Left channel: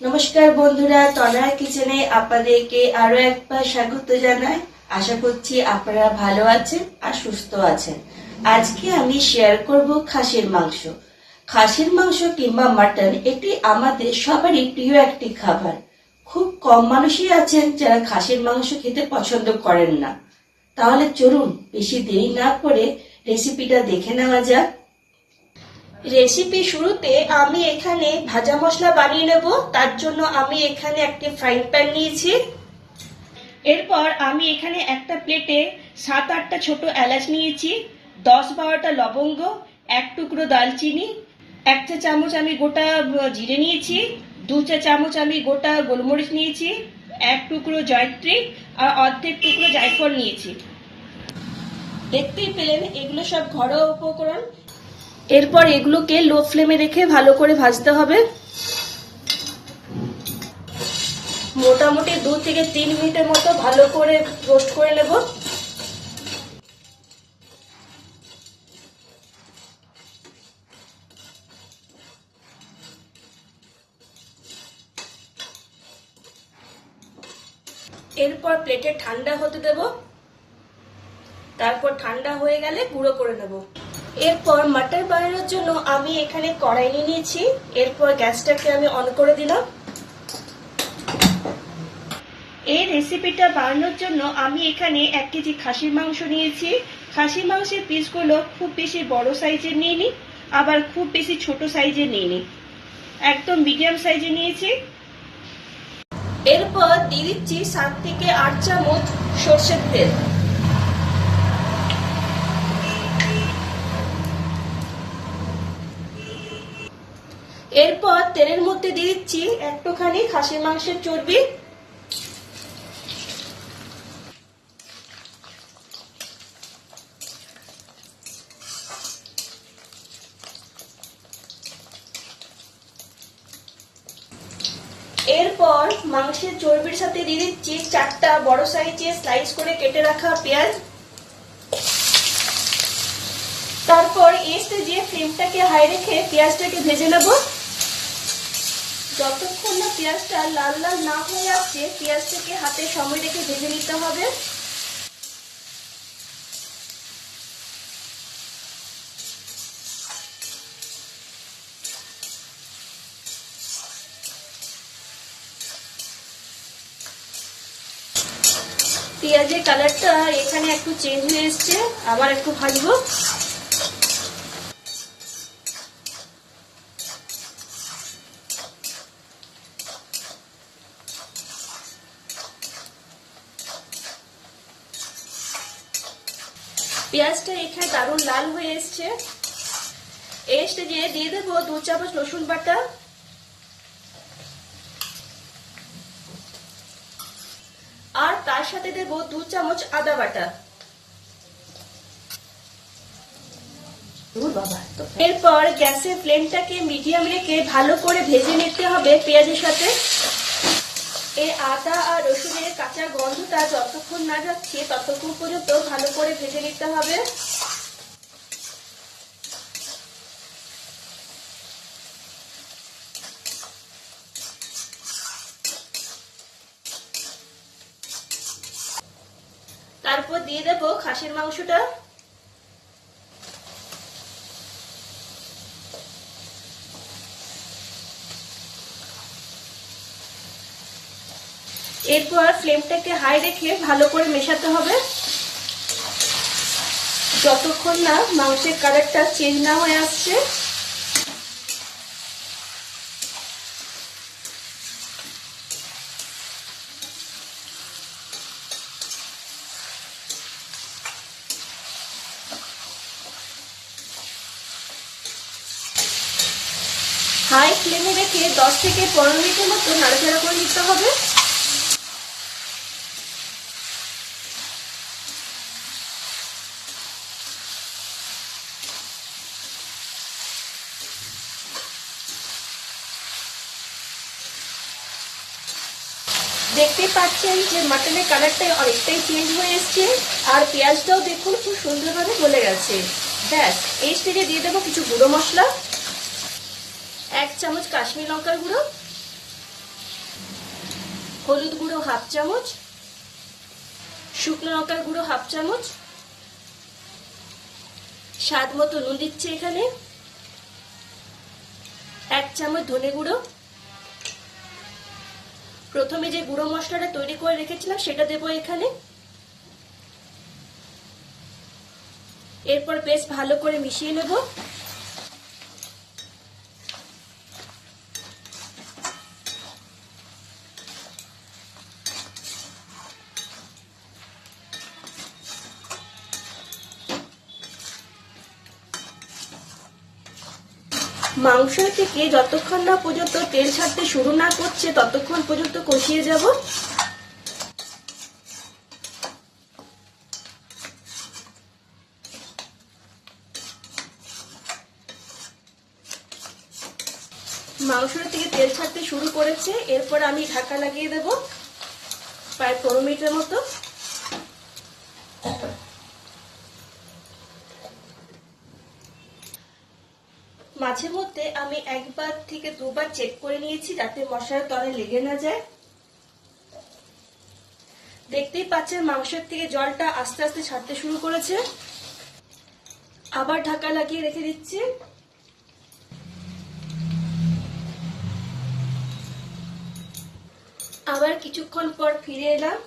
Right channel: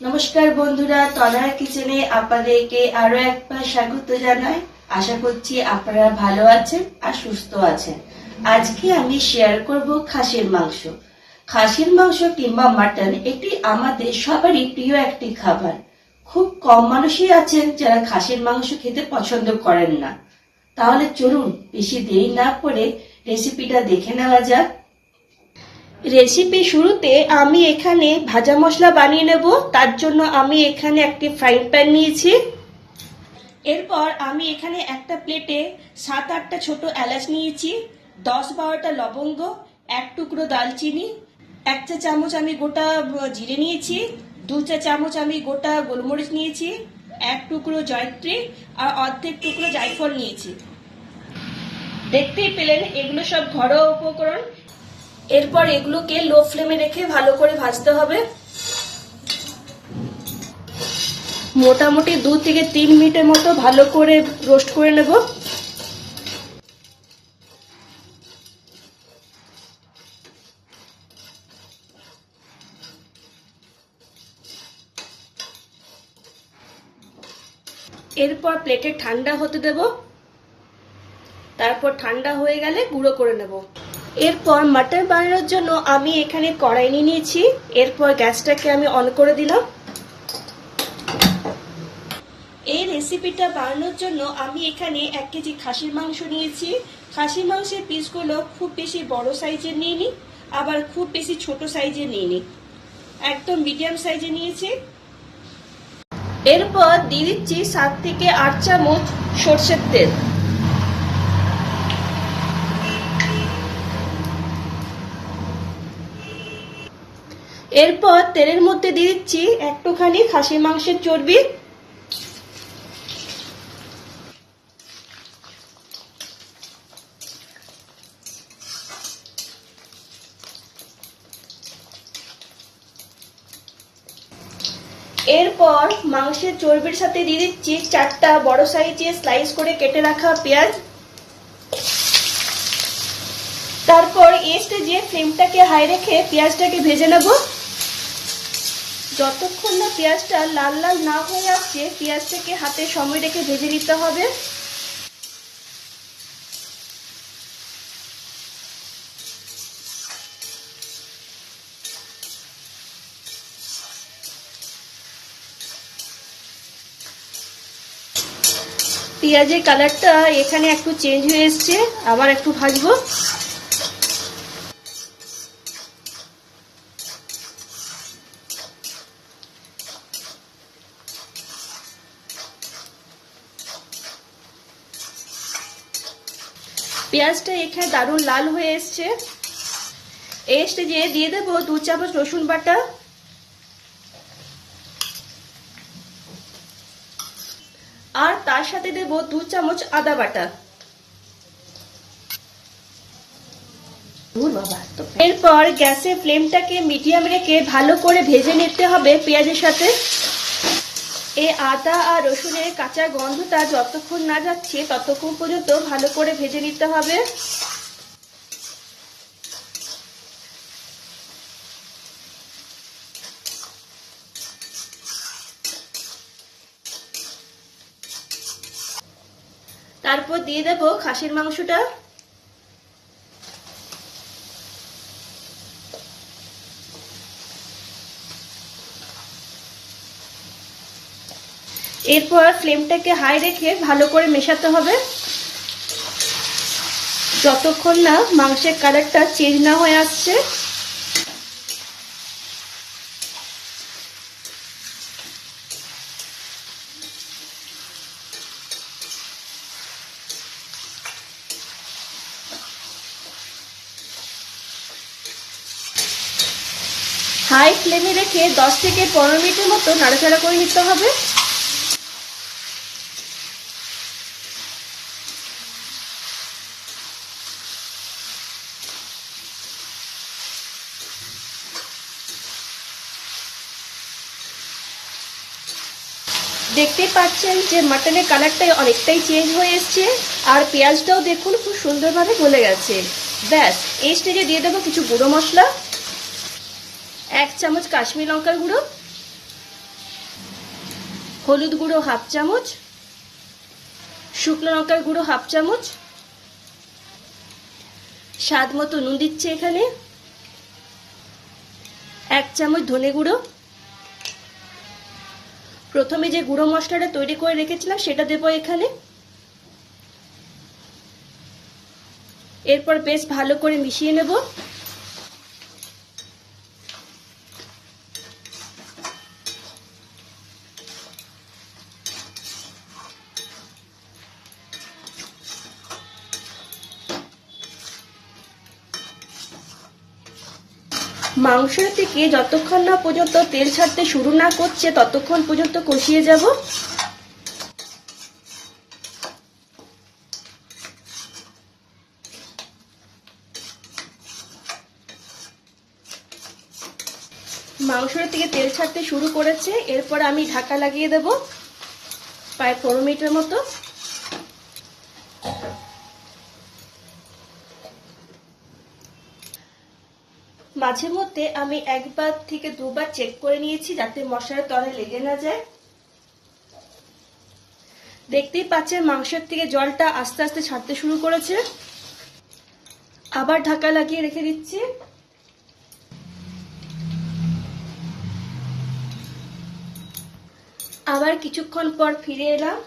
নমস্কার বন্ধুরা, তনয়া কিচেনে আপনাদেরকে আরো একবার স্বাগত জানাই। আশা করছি আপনারা ভালো আছেন আর সুস্থ আছেন। আজকে আমি শেয়ার করব খাসির মাংস। খাসির মাংস কিংবা মাটন এটি আমাদের সবারই প্রিয় একটি খাবার। খুব কম মানুষই আছেন যারা খাসির মাংস খেতে পছন্দ করেন না। তাহলে চলুন বেশি দেরি না করে রেসিপিটা দেখে নেওয়া যাক। রেসিপি শুরুতে আমি এখানে ভাজা মশলা বানিয়ে নেব। তার জন্য আমি এখানে একটি ফ্রাইং প্যান নিয়েছি। এরপর আমি এখানে একটা প্লেটে 7-8টা ছোট এলাচ নিয়েছি, 10-12টা লবঙ্গ, এক টুকরো দালচিনি, 1 চা চামচ আমি গোটা জিরে নিয়েছি, 2 চা চামচ আমি গোটা গোলমরিচ নিয়েছি, 1 টুকরো জয়ত্রী আর অর্ধেক টুকরো জায়ফল নিয়েছি। দেখতেই পেলেন এগুলো সব ঘরোয়া উপকরণ। এরপর এগুলোকে লো ফ্লেমে রেখে ভালো করে ভাজতে হবে। মোটামুটি 2 থেকে 3 মিনিটের মতো ভালো করে রোস্ট করে নেব। এরপর প্লেটে ঠান্ডা হতে দেব। তারপর ঠান্ডা হয়ে গেলে গুঁড়ো করে নেব। এরপর মাটন বানানোর জন্য আমি এখানে কড়াই নিয়ে নিয়েছি। এরপর গ্যাসটাকে আমি অন করে দিলাম। এই রেসিপিটা বানানোর জন্য আমি এখানে 1 কেজি খাসির মাংস নিয়েছি। খাসির মাংসের পিসগুলো খুব বেশি বড় সাইজের নিইনি, আবার খুব বেশি ছোট সাইজের নিইনি, একদম মিডিয়াম সাইজে নিয়েছি। এরপর দিয়ে দিচ্ছি 7 থেকে 8 চামচ সরষের তেল। এরপর তেলের মধ্যে দিয়ে দিচ্ছি একটুখানি খাসির মাংসের চর্বি। এরপর মাংসের চর্বির সাথে দিয়ে দিচ্ছি 4টা বড় সাইজের স্লাইস করে কেটে রাখা পেঁয়াজ। তারপর এই স্টেজে ফ্লেমটাকে হাই রেখে পেঁয়াজটাকে ভেজে নেব। যতক্ষণ না পেঁয়াজটা লাল লাল না হয়ে আসছে পেঁয়াজটাকে হাতে সময় রেখে ভেজে নিতে হবে। পেঁয়াজের কালারটা এখানে একটু চেঞ্জ হয়ে এসছে, আবার একটু ভাজবো। পেঁয়াজটা এখানে দারুণ লাল হয়ে এসছে। এই স্টেজে দিয়ে দেবো 2 চামচ রসুন বাটা, আর তার সাথে দেব 2 চামচ আদা বাটা। এরপর গ্যাসের ফ্লেমটাকে মিডিয়াম রেখে ভালো করে ভেজে নিতে হবে পেঁয়াজের সাথে। এই আদা আর রসুনের কাঁচা গন্ধটা যতক্ষণ না যাচ্ছে ততক্ষণ পর্যন্ত ভালো করে ভেজে নিতে হবে। তারপর দিয়ে দেবো খাসির মাংসটা। এরপর ফ্লেমটাকে হাই রেখে ভালো করে মেশাতে হবে যতক্ষণ না মাংসের কালারটা চেঞ্জ না হয়ে আসছে। হাই ফ্লেমে রেখে 10 থেকে 15 মিনিটের মতো নাড়াচাড়া করে নিতে হবে। দেখতে পাচ্ছেন যে মাটনের কালারটা অনেকটাই চেঞ্জ হয়ে এসছে, আর পেঁয়াজটাও দেখুন খুব সুন্দরভাবে গলে গেছে। ব্যাস, এই স্টেজে দিয়ে দেবো কিছু গুঁড়ো মশলা। 1 চামচ কাশ্মীরি লঙ্কার গুঁড়ো, হলুদ গুঁড়ো হাফ চামচ, শুকনো লঙ্কার গুঁড়ো হাফ চামচ, স্বাদ মতো নুন দিচ্ছি এখানে, 1 চামচ ধনে গুঁড়ো। প্রথমে যে গুঁড়ো মশলাটা তৈরি করে রেখেছিলাম সেটা দেবো এখানে। এরপর বেশ ভালো করে মিশিয়ে নেব। মাংসের থেকে যতক্ষণ না পর্যন্ত তেল ছাড়তে শুরু না করছে ততক্ষণ পর্যন্ত কষিয়ে যাব। মাংসের থেকে তেল ছাড়তে শুরু করেছে, এরপর আমি ঢাকা লাগিয়ে দেব প্রায় 15 মিনিটের মতো। মাঝে মধ্যে আমি 1 থেকে 2 বার চেক করে নিয়েছি যাতে মশলার তলায় লেগে না যায়। দেখতেই পাচ্ছেন মাংসের থেকে জলটা আস্তে আস্তে ছাড়তে শুরু করেছে। আবার ঢাকা লাগিয়ে রেখে দিচ্ছি। আবার কিছুক্ষণ পর ফিরে এলাম।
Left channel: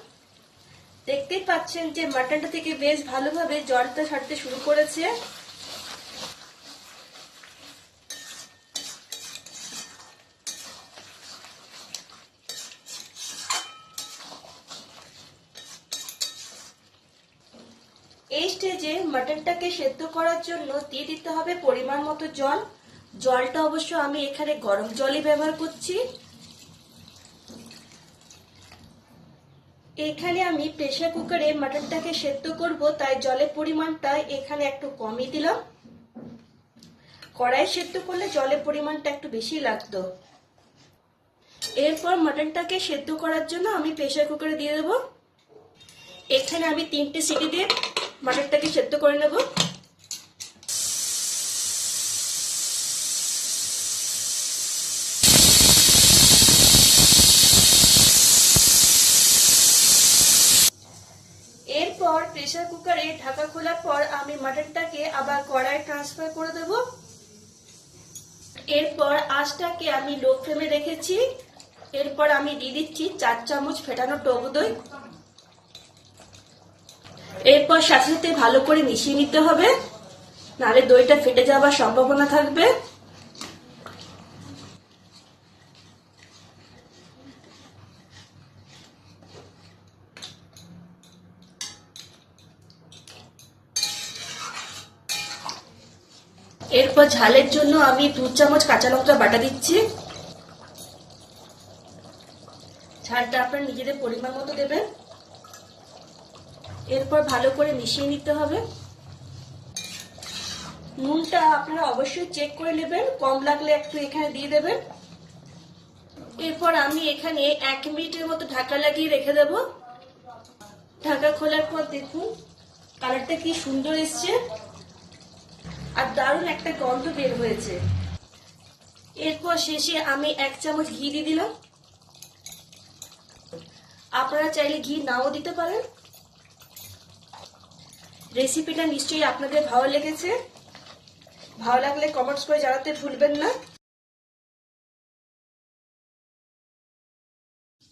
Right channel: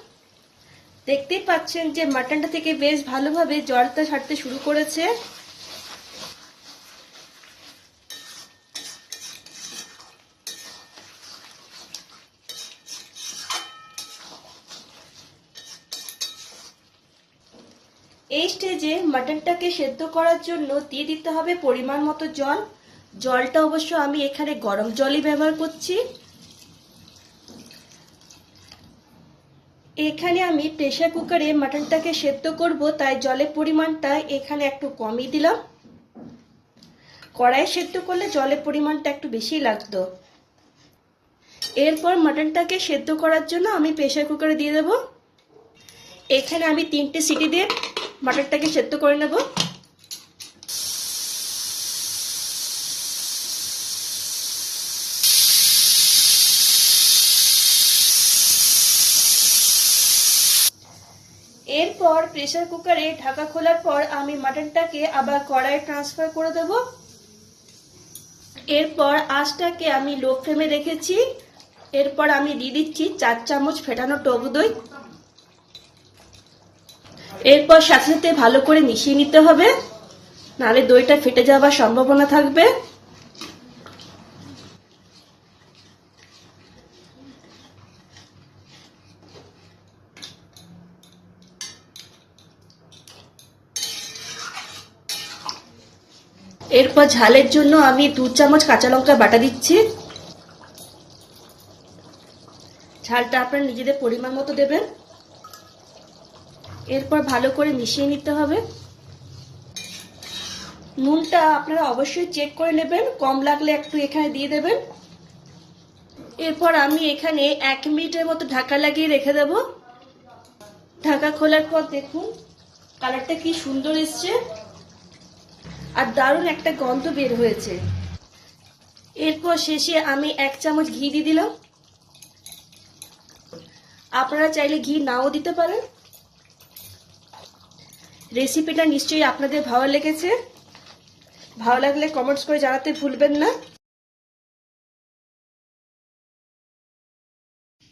দেখতেই পাচ্ছেন যে মাটনটা থেকে বেশ ভালোভাবে জলটা ছাড়তে শুরু করেছে। এই স্টেজে মাটনটাকে সেদ্ধ করার জন্য দিয়ে দিতে হবে পরিমাণ মতো জল। জলটা অবশ্য আমি এখানে গরম জলই ব্যবহার করছি। এখানে আমি প্রেসার কুকারে মাটনটাকে সেদ্ধ করব, তাই জলের পরিমাণটা এখানে একটু কমই দিলাম। কড়াই সেদ্ধ করলে জলের পরিমাণটা একটু বেশি লাগতো। এরপর মাটনটাকে সেদ্ধ করার জন্য আমি প্রেসার কুকারে দিয়ে দেব। এখানে আমি 3টে সিটি দিয়ে মাটনটাকে সেদ্ধ করে নেব। এরপর প্রেসার কুকারে ঢাকা খোলার পর আমি মাটনটাকে আবার কড়াইয়ে ট্রান্সফার করে দেব। এরপর আঁচটাকে আমি লো ফ্লেমে রেখেছি। এরপর আমি দিয়ে দিচ্ছি 4 চামচ ফেটানো টক দই। এরপর সাথে সাথে ভালো করে মিশিয়ে নিতে হবে, নাহলে দইটা ফেটে যাওয়ার সম্ভাবনা থাকবে। এরপর ঝালের জন্য আমি 2 চামচ কাঁচা লঙ্কা বাটা দিচ্ছি। ঝালটা আপনারা নিজেদের পরিমাণ মতো দেবেন। এরপর ভালো করে মিশিয়ে নিতে হবে। নুনটা আপনারা অবশ্যই চেক করে নেবেন, কম লাগলে একটু এখানে দিয়ে দেবেন। এরপর আমি এখানে 1 মিনিটের মতো ঢাকা লাগিয়ে রেখে দেব। ঢাকা খোলার পর দেখুন কালারটা কি সুন্দর এসছে আর দারুণ একটা গন্ধ বের হয়েছে। এরপর শেষে আমি 1 চামচ ঘি দিয়ে দিলাম। আপনারা চাইলে ঘি নাও দিতে পারেন। রেসিপিটা নিশ্চয়ই আপনাদের ভালো লেগেছে। ভালো লাগলে কমেন্টস করে জানাতে ভুলবেন না।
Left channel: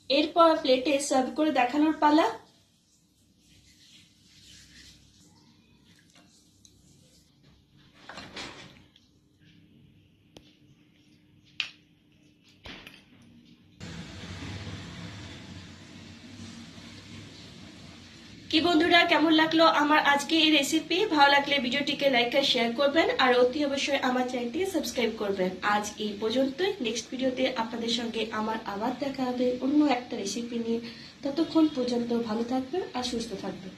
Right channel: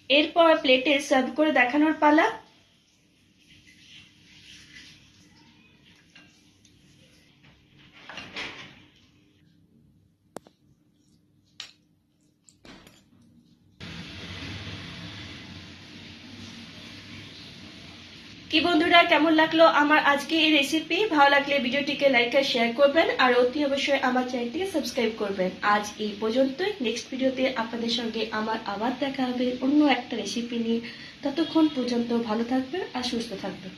এরপর প্লেটে সার্ভ করে দেখানোর পালা। কি বন্ধুরা, কেমন লাগলো আমার আজকে এই রেসিপি? ভালো লাগলে ভিডিওটিকে লাইক আর শেয়ার করবেন আর অতি অবশ্যই আমার চ্যানেলটিকে সাবস্ক্রাইব করবেন। আজ এই পর্যন্তই। নেক্সট ভিডিওতে আপনাদের সঙ্গে আমার আবার দেখা হবে অন্য একটা রেসিপি নিয়ে। ততক্ষণ পর্যন্ত ভালো থাকবেন আর সুস্থ থাকবেন।